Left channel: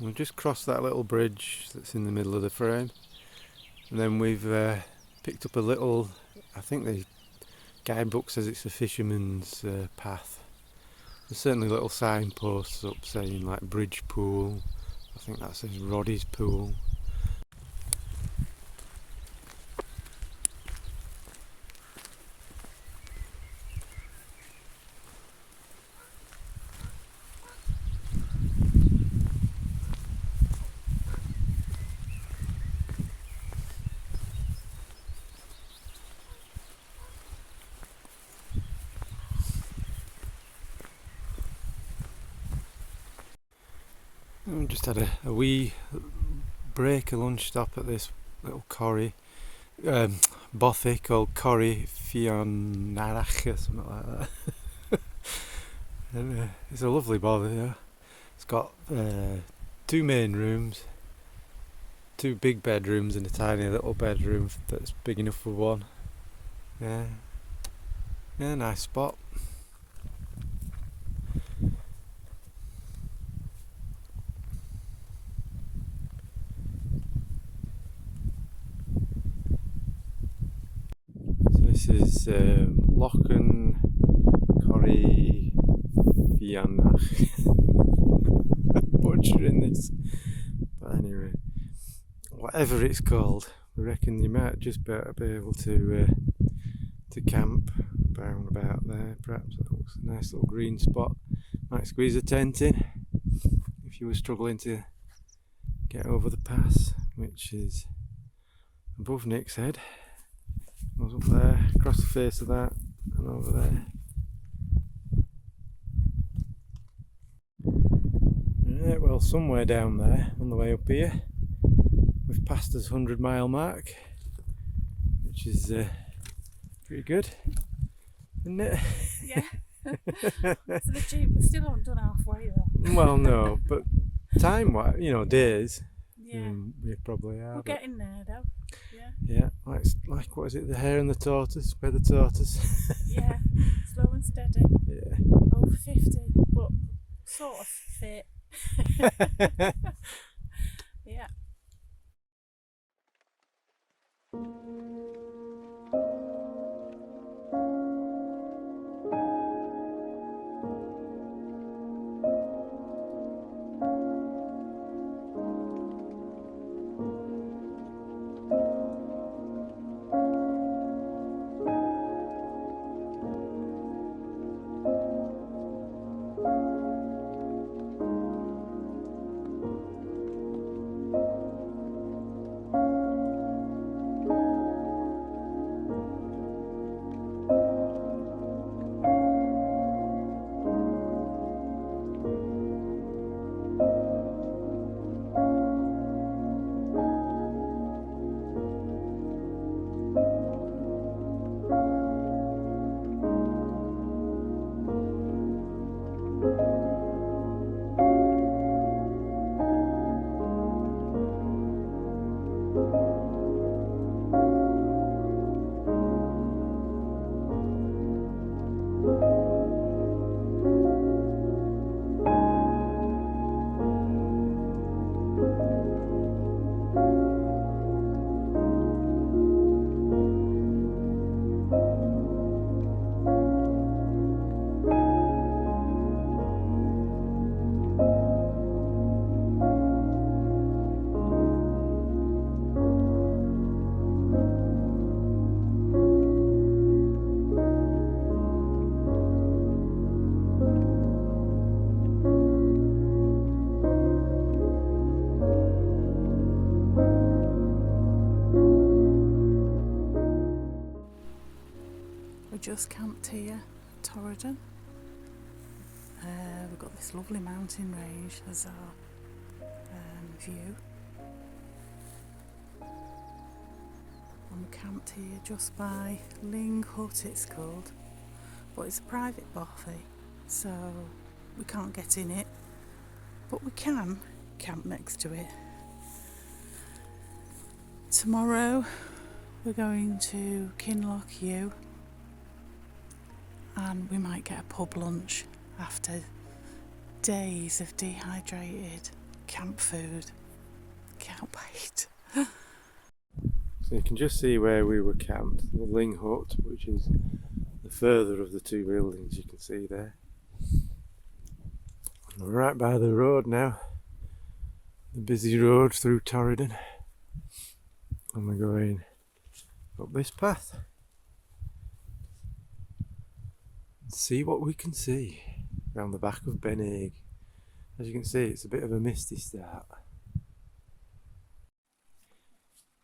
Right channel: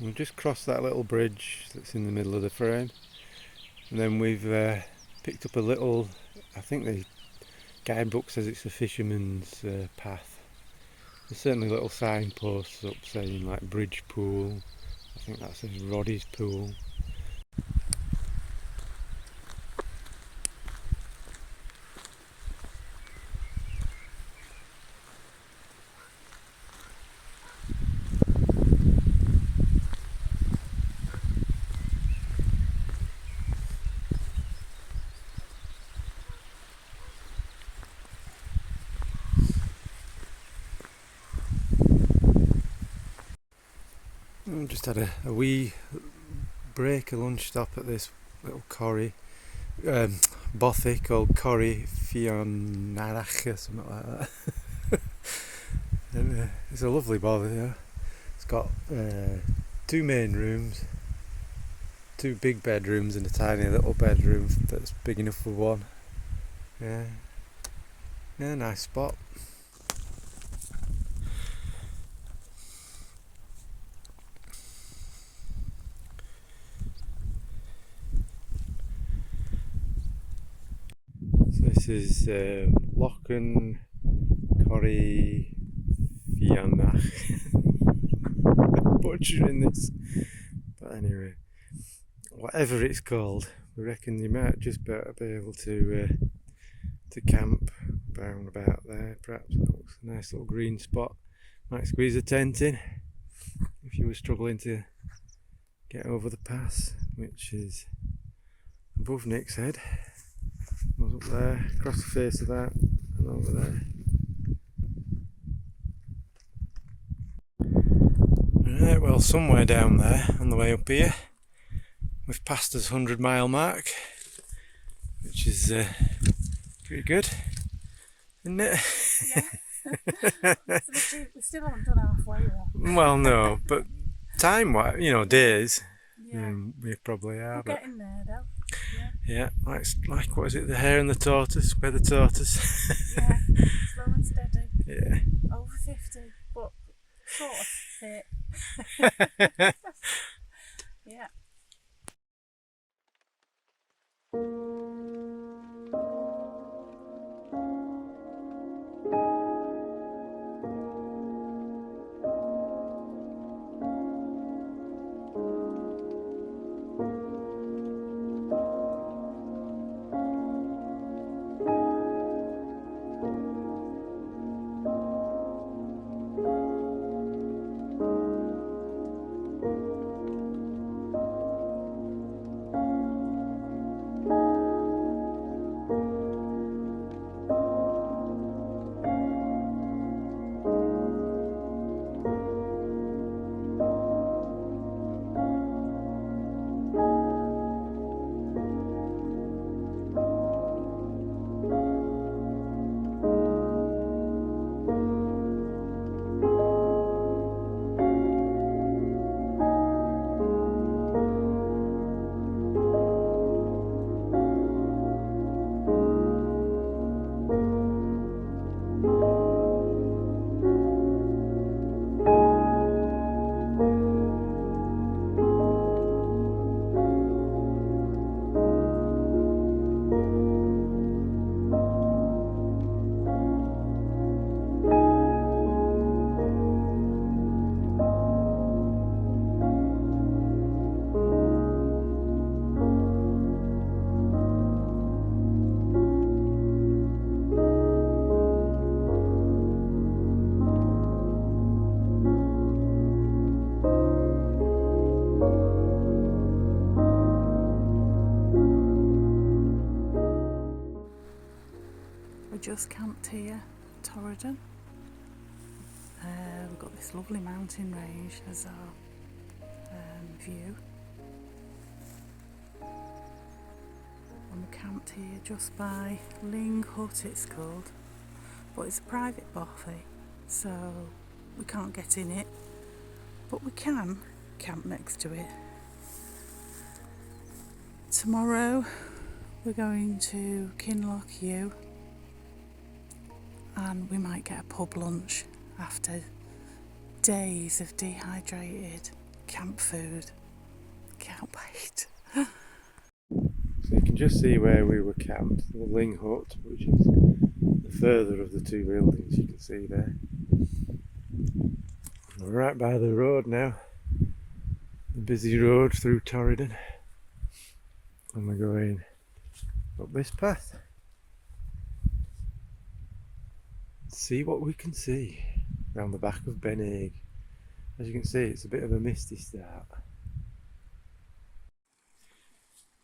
We've just crossed that little bridge that's in the middle of the frame, and then we've picked up a little, I think the guidebook says it's a fisherman's path. There's certainly little signposts up saying like Bridge Pool. I think that says Roddy's Pool. We just had a wee break, a lunch stop at this little corrie, bothy called Corrie Fionarach or something like that. And it's a lovely bothy, yeah. It's got 2 main rooms, 2 big bedrooms and a tiny little bedroom that's big enough for one. Yeah, nice spot. This is Lochen Corrie Fianach. Butchering this. But anyway, whatever it's called, we reckon you might just be able to camp round about there. Perhaps that looks a nice little green spot. Might squeeze a tent in if you were struggling to get over the pass, which is above Nick's head. Goes up there, across the face of that, and over there. Right, well, somewhere down there on the way up here, we've passed this 100-mile mark, which is pretty good, isn't it? Yeah. We still haven't done halfway though. Well, no, but time-wise, days, Yeah. we probably are. We're getting there though. Yeah, like what is it, the hare and the tortoise? Where the tortoise? Yeah, slow and steady. Yeah. Over 50, but sort of fit. Yeah. We just camped here, Torridon. We've got this lovely mountain range as our view. And we camped here just by Ling Hut, it's called. But it's a private bothy, so we can't get in it. But we can camp next to it. Tomorrow we're going to Kinloch U, and we might get a pub lunch after days of dehydrated camp food. Can't wait. So you can just see where we were camped, the Ling Hut, which is the further of the two buildings you can see there. We're right by the road now, the busy road through Torridon, and we're going up this path and see what we can see round the back of Ben Haig. As you can see, it's a bit of a misty start.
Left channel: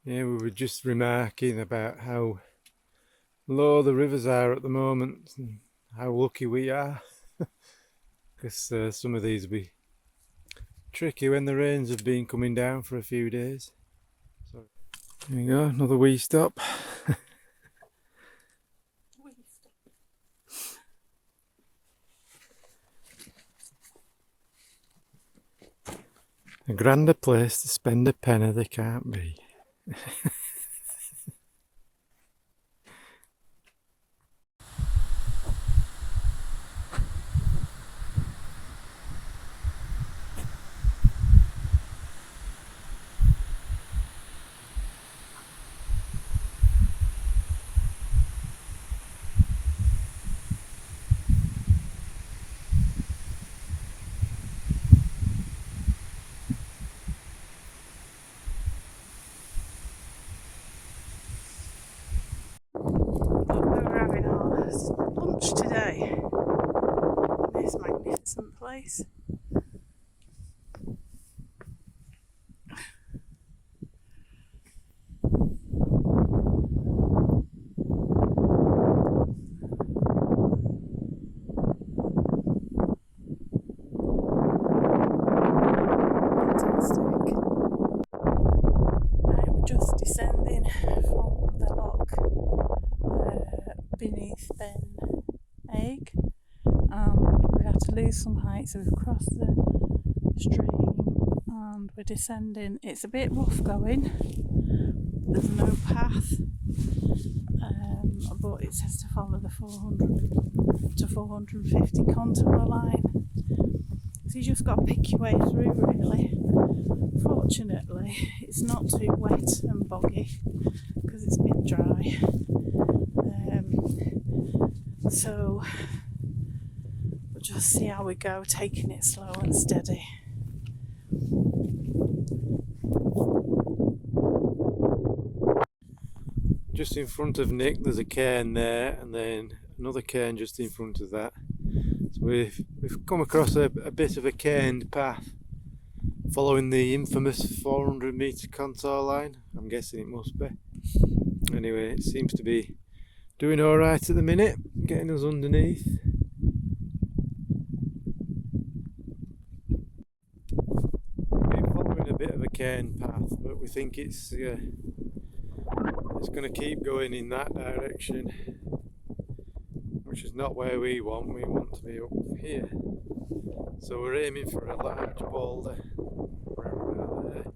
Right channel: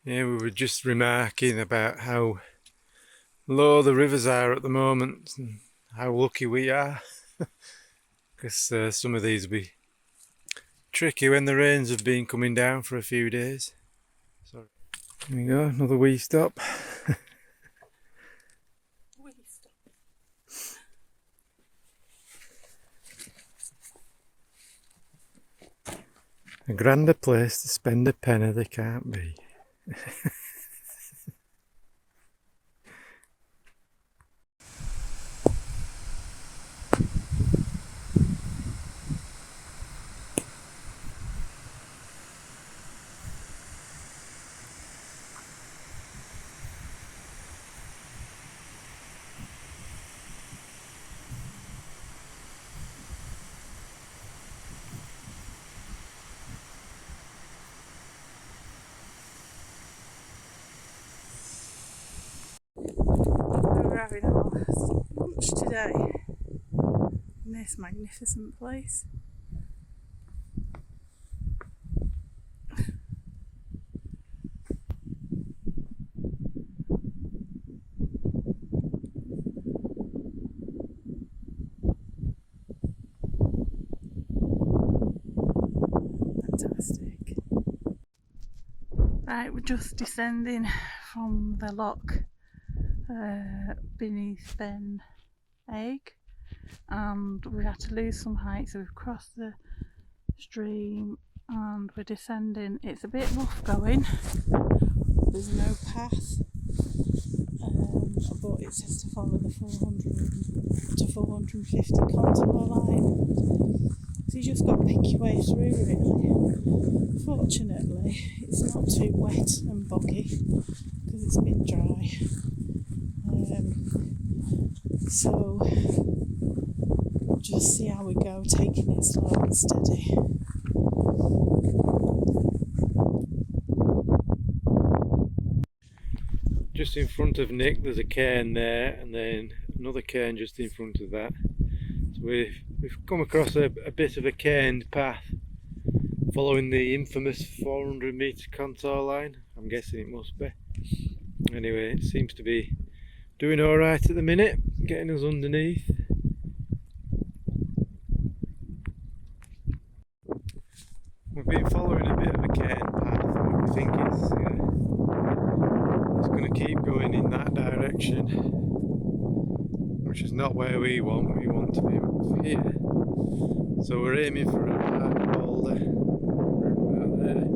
Yeah, we were just remarking about how low the rivers are at the moment and how lucky we are, because some of these will be tricky when the rains have been coming down for a few days. So here we go, another wee stop. A grander place to spend a penny there can't be. We're having our lunch today in this magnificent place. Fantastic. Right, we're just descending from the loch beneath Ben Haig, and we had to lose some height, so we've crossed the stream and we're descending. It's a bit rough going, there's no path, but it says to follow the 400 to 450 contour line, so you just got to pick your way through really. Fortunately it's not too wet and boggy because it's been dry, so we'll just see how we go, taking it slow and steady. Just in front of Nick there's a cairn there, and then another cairn just in front of that. So we've come across a bit of a cairned path following the infamous 400 metre contour line. I'm guessing it must be. Anyway, it seems to be doing alright at the minute, getting us underneath. We've been following a bit of a cairn path, but we think it's going to keep going in that direction, which is not where we want. We want to be up here, so we're aiming for a large boulder right about there.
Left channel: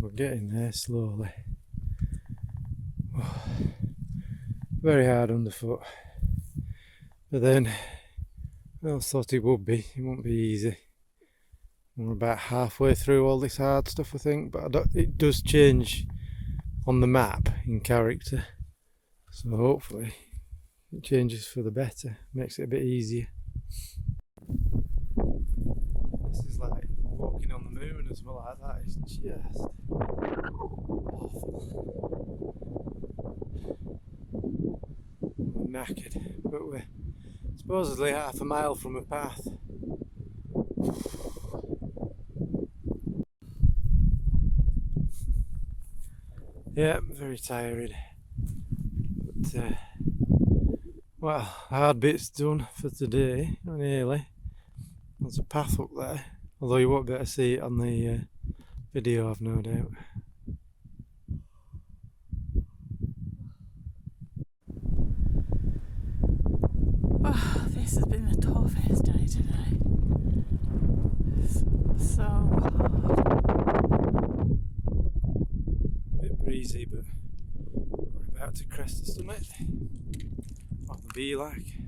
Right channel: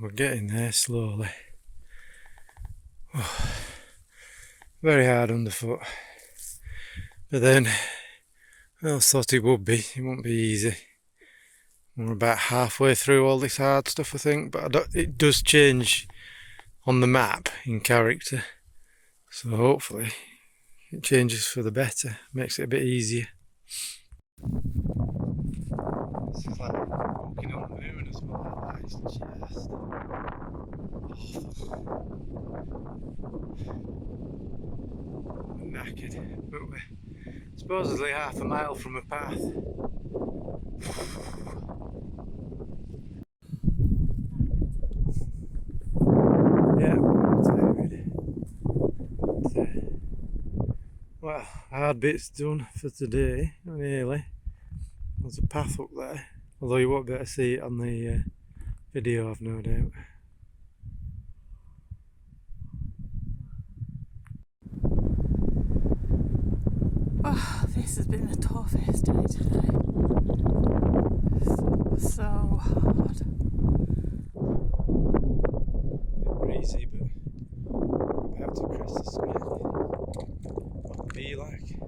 We're getting there slowly. Very hard underfoot, but then I thought it would be. It won't be easy. We're about halfway through all this hard stuff, I think, but it does change on the map in character, so hopefully it changes for the better, makes it a bit easier. This is like walking on the moon as well, like that is just awful. We're knackered, but we're supposedly half a mile from a path. Yeah, very tired. But, well, hard bit's done for today, nearly. There's a path up there, although you won't be able to see it on the video, I've no doubt. Oh, this has been the toughest day today. So hard. Bit breezy, but we're about to crest the summit. What it'll be like.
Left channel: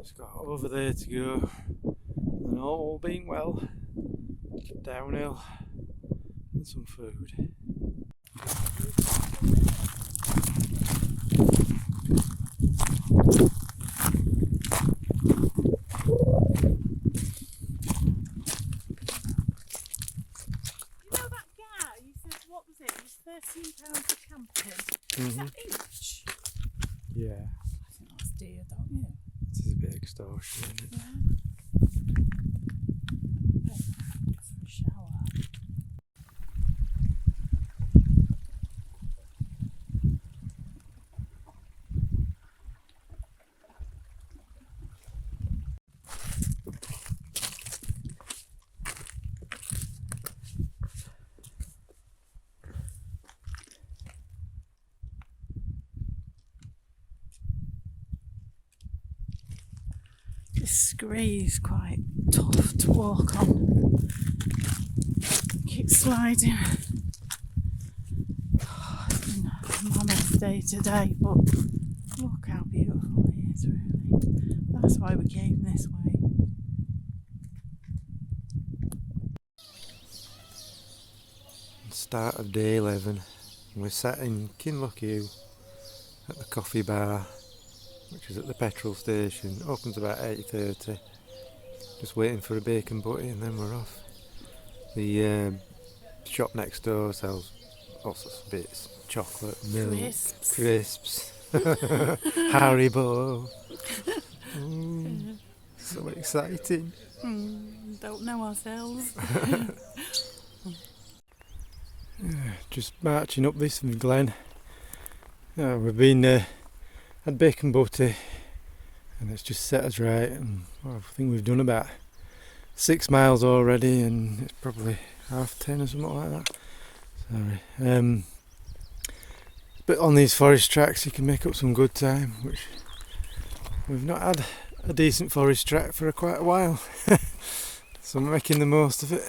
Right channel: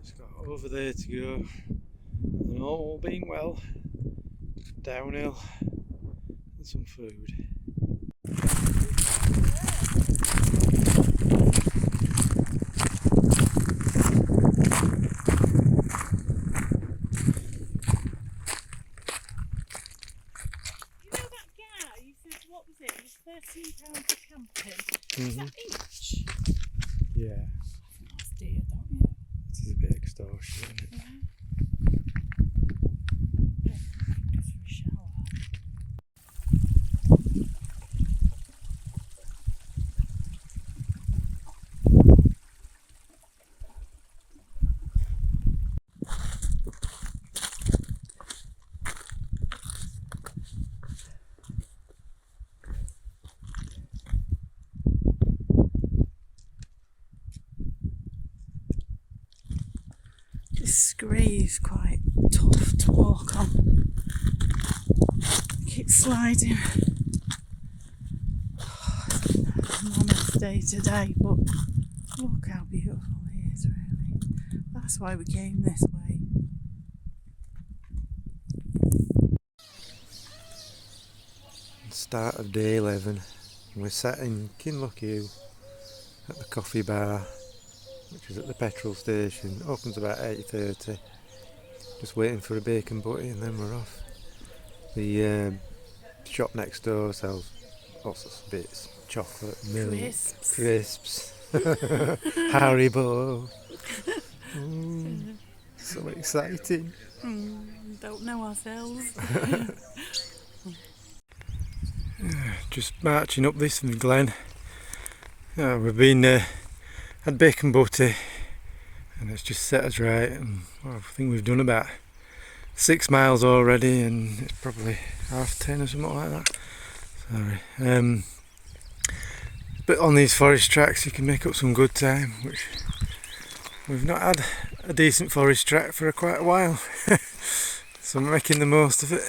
Just got over there to go, and all being well, downhill and some food. What was it? It was £13 for camping. Mm-hmm. Is that each? Yeah, I think that's dear, don't you? this is a bit extortionate, isn't it? Yeah. Get for a shower. This scree is quite tough to walk on. Keep sliding. It's been a mammoth day today, but look how beautiful it is, really. That's why we came this way. Start of day 11. We're sat in Kinlochew at the coffee bar, which is at the petrol station. Opens about 8:30. Just waiting for a bacon butty and then we're off. The shop next door sells all sorts of bits. Chocolate, milk, crisps, Haribo. So exciting. Don't know ourselves. Just marching up this from Glen. We've been had bacon butty and it's just set us right, and well, I think we've done about 6 miles already and it's probably 10:30 or something like that. Sorry. But on these forest tracks you can make up some good time, which we've not had a decent forest track for quite a while. So I'm making the most of it.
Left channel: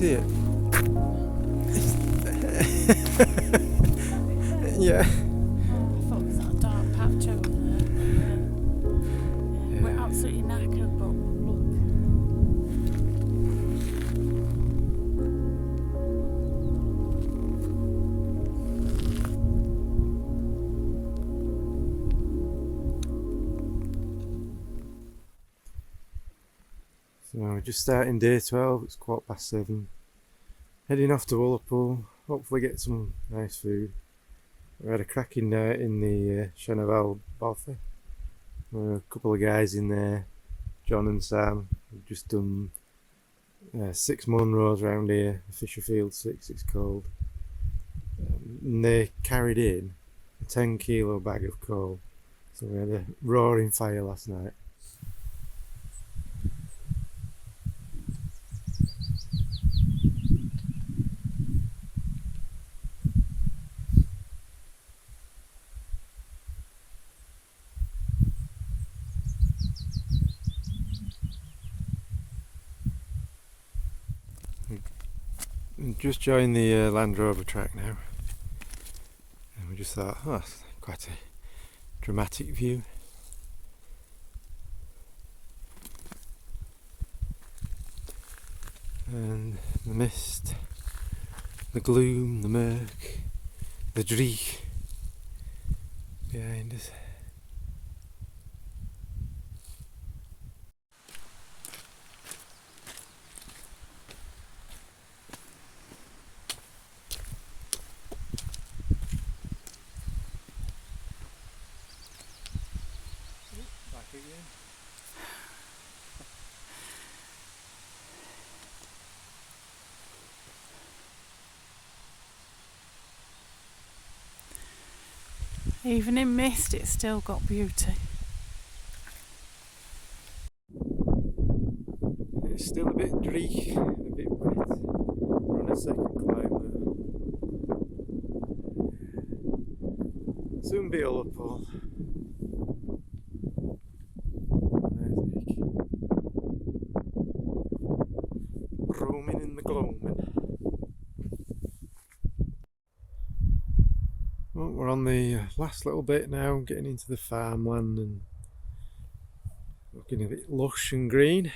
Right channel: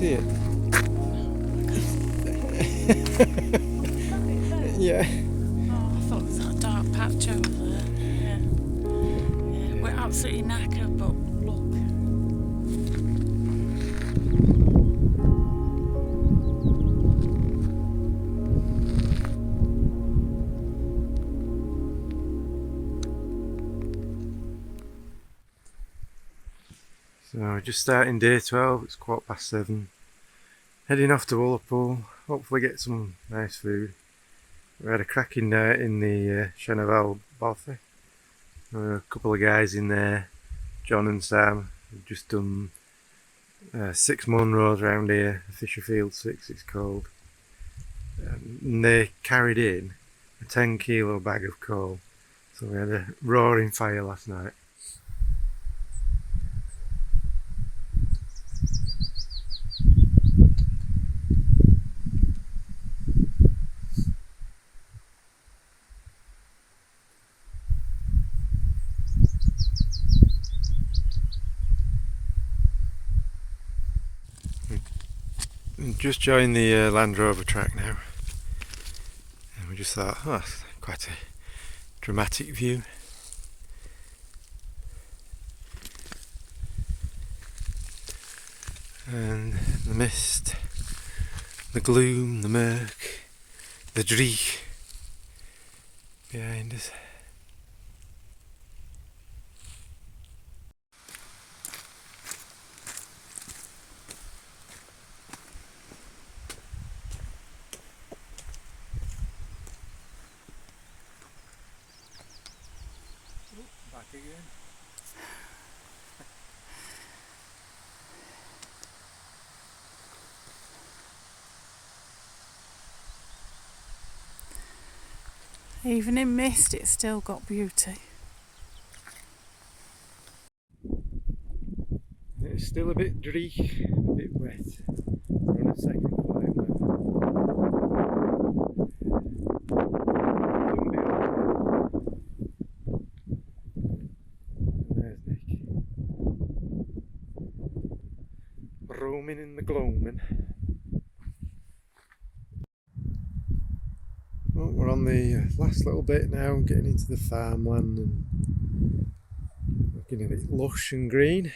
see it? Yeah. Oh, I thought it was that dark patch over there. Yeah. We're absolutely knackered, but look. So we're just starting day 12, it's 7:15. Heading off to Ullapool, hopefully get some nice food. We had a cracking night in the Chenaval Bothy. A couple of guys in there, John and Sam, have just done 6 Munros round here, Fisherfield 6 it's called. And they carried in a 10 kilo bag of coal. So we had a roaring fire last night. Just joined the Land Rover track now, and we just thought, oh, quite a dramatic view. And the mist, the gloom, the murk, the dreich behind us. Back again. Even in mist, it's still got beauty. It's still a bit dreich, a bit wet. We're on a second climb now. Soon be all cool. There's Nick. Roaming in the gloaming. Well, we're on the last little bit now, getting into the farmland and looking a bit lush and green.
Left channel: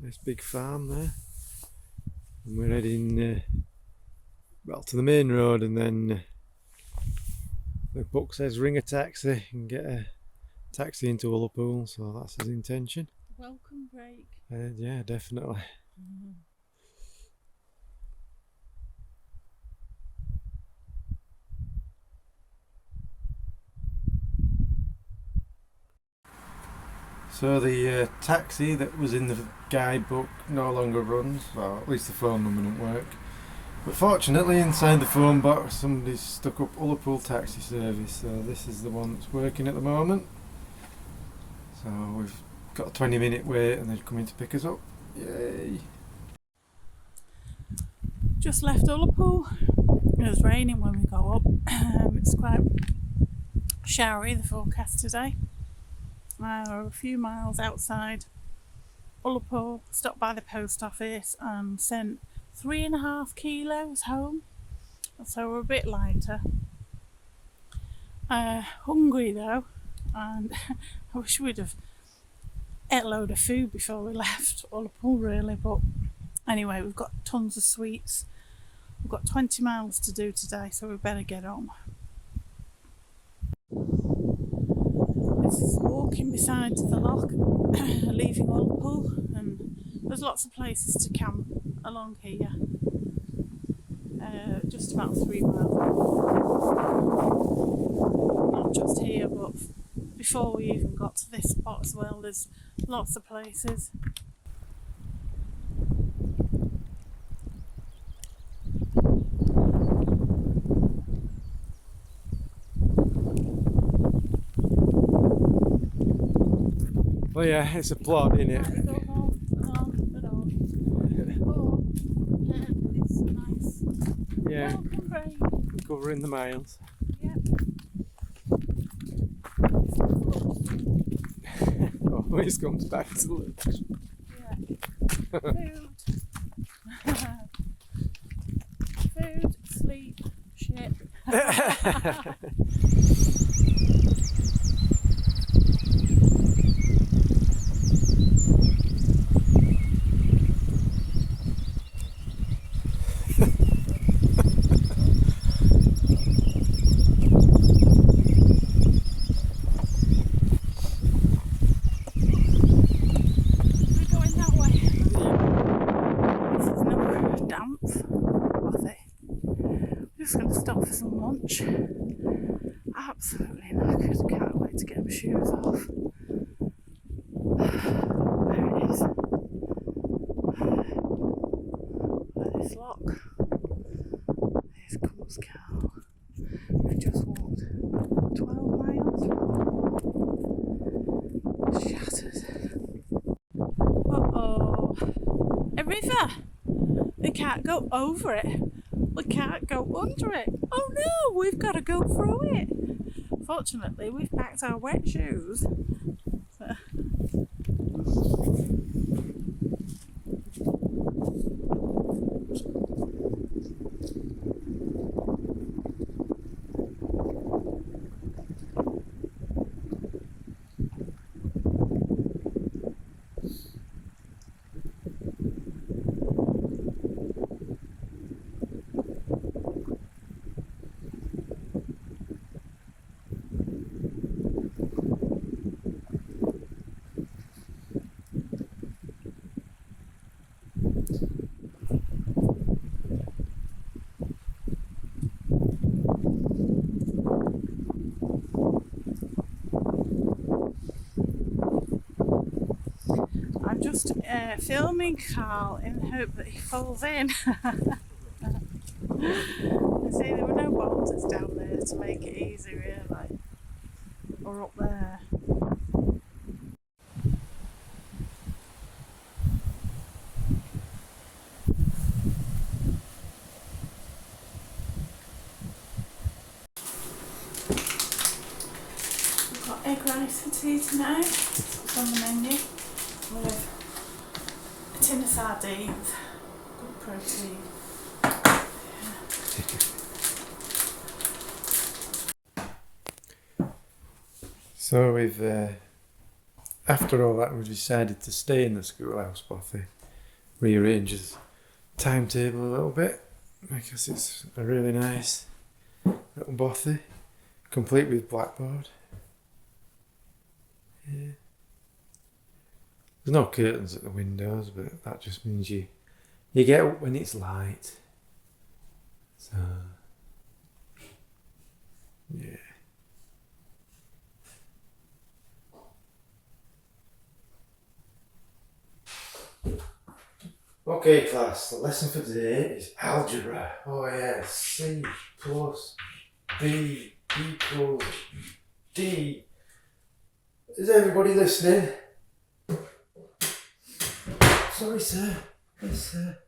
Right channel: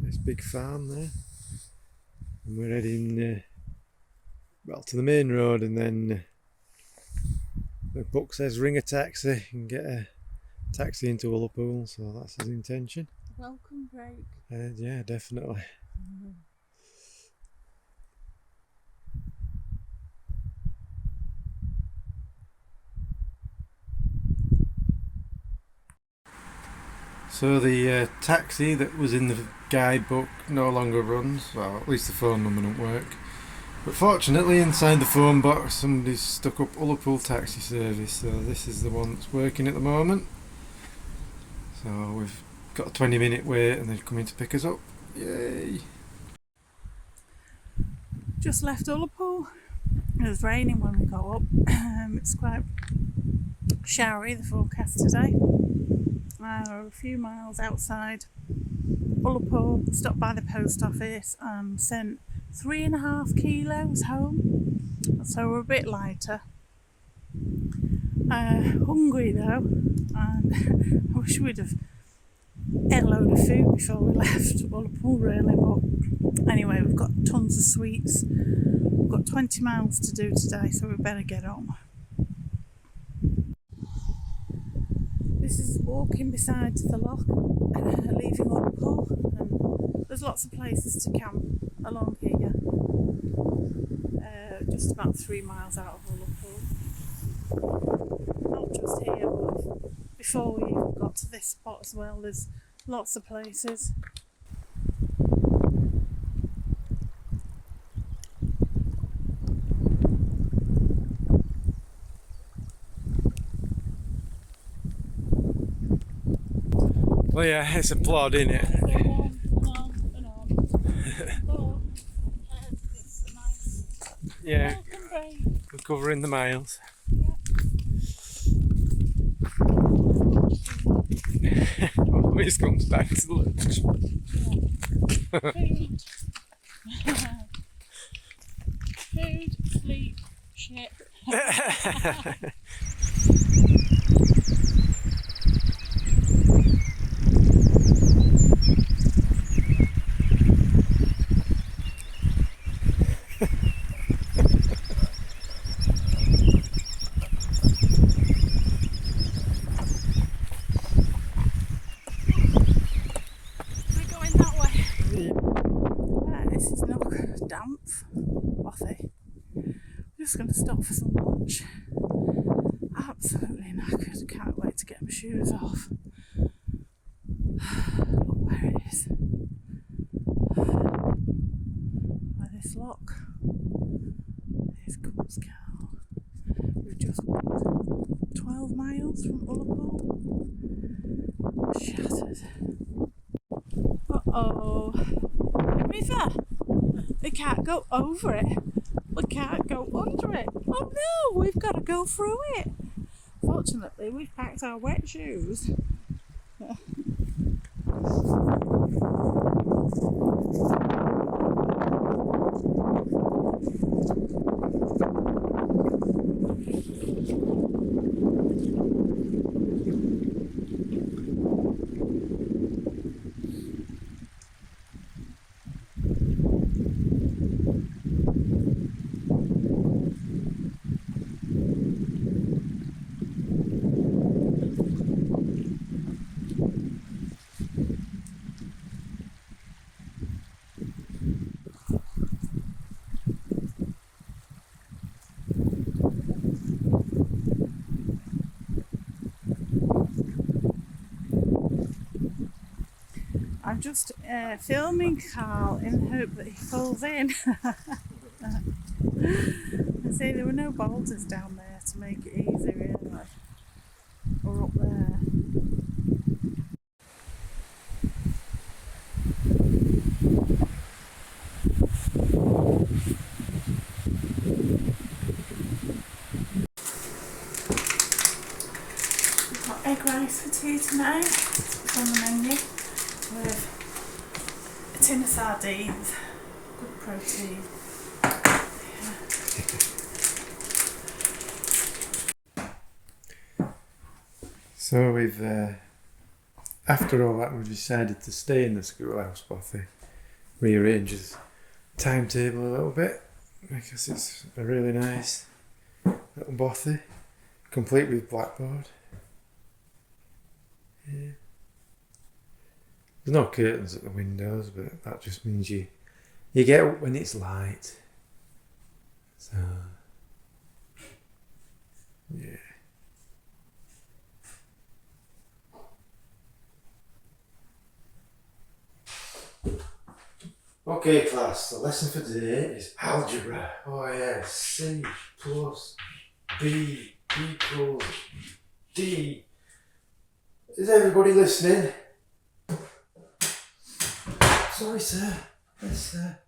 Nice big farm there. And we're heading well to the main road, and then the book says ring a taxi and get a taxi into Ullapool, so that's his intention. Welcome break. Yeah, definitely. So the taxi that was in the guidebook no longer runs, well at least the phone number doesn't work. But fortunately inside the phone box somebody's stuck up Ullapool taxi service, so this is the one that's working at the moment. So we've got a 20-minute wait and they're coming to pick us up. Yay! Just left Ullapool. It was raining when we got up. It's quite showery, the forecast today. We're a few miles outside Ullapool, stopped by the post office and sent 3.5 kilos home, so we're a bit lighter. Hungry though, and I wish we'd have ate a load of food before we left Ullapool really, but anyway, we've got tons of sweets. We've got 20 miles to do today, so we better get on. This is walking beside the loch, leaving Ullapool, and there's lots of places to camp along here, just about 3 miles out. Not just here, but before we even got to this spot as well, there's lots of places. Well yeah, it's a plod, isn't it? Yeah, we're covering the miles. Always comes back to lunch. Yeah. Food. Beep. Shit. We're going that way. This is no damp bothy. We're just going to stop for some lunch. Absolutely knackered. Can't wait to get my shoes off. Where it is. Where this lock. There's Cumscow. We've just walked 12 miles from Oldmore. Shattered. Uh-oh. A river. We can't go over it. We can't go under it. Oh no, we've got to go through it. Fortunately, we've packed our wet shoes. I'm just filming Carl in the hope that he falls in. I see there were no boulders down there to make it easy, really, or up there. We've got egg rice for tea tonight. It's on the menu. With a tin of sardines, good protein. So we've, after all that, we've decided to stay in the schoolhouse bothy, rearrange his timetable a little bit, because it's a really nice little bothy, complete with blackboard. Yeah. There's no curtains at the windows, but that just means you get up when it's light. So, yeah. Okay, class, the lesson for today is algebra. Oh yeah, C plus B equals D. Is everybody listening? Sorry, sir. Yes, sir.